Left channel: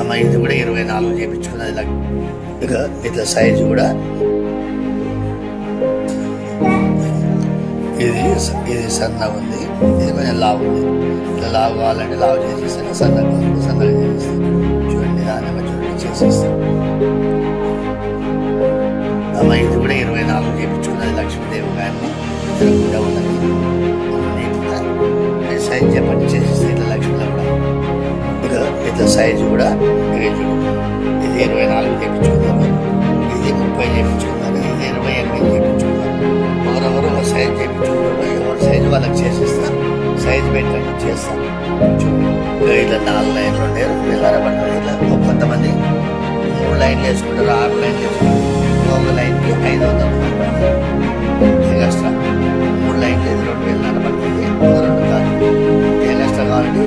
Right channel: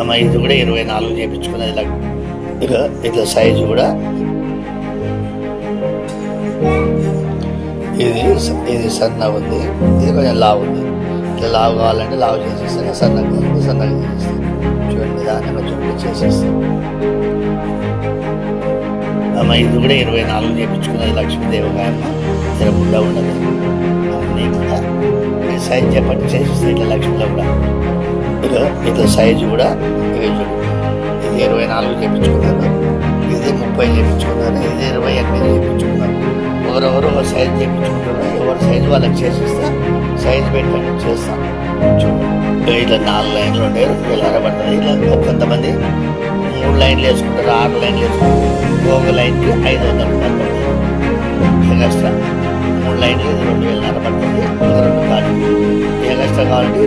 అమ్మ ఇది కూడా 24 చేయించుకున్నది. ఇలా ఇక ఇట్లా సైజు కూడా ఇది సన్నగా ఉంది, ఇది కొంచెం లావు ఉంది. ఇట్లా లావు కావాలంటే లావు చేసేస్తాను, సన్నగా కావాలంటే సన్నగా చేసేస్తాను. చూడండి నిదానంగా చూడండి చేసేస్తాను. అమ్మ ఇది కూడా 24 చేయించుకున్నది. లక్ష్మీదేవికాయమ్మ తిరగకుండా ఉన్నది. అన్నీ కూడా సైజు చెప్పండి చేసేస్తాను. ఇట్లా లక్ష్మీలో కూడా ఇట్లా సైజు కూడా ఇది 24 చేయించుకున్నారు, ఇది 30 చేయించుకున్నారు, ఇది 28 చేయించుకున్నారు. ఒకరొకరు ఒక సైజు చేయించుకుంటారు. ఎవరి సైజు వాళ్ళకి చేసేస్తా, సైజు పెట్టండి చేస్తాను. చూడండి ఇట్లా 4 లైన్లు ఉంటాయి, 2,500 పడుతుంది. ఇట్లా కొంతమంది 3 లైన్లు వేసుకుంటారు, 6 లైన్లు వేసుకుంటారు. ఒక లైన్కి 500 రూపాయలు పడుతుంది. ఎగస్ట్రా 3 లైన్లు 2,500 పడుతుంది. ఒక 2 కాదు ఎగస్ట్రా కావాలంటే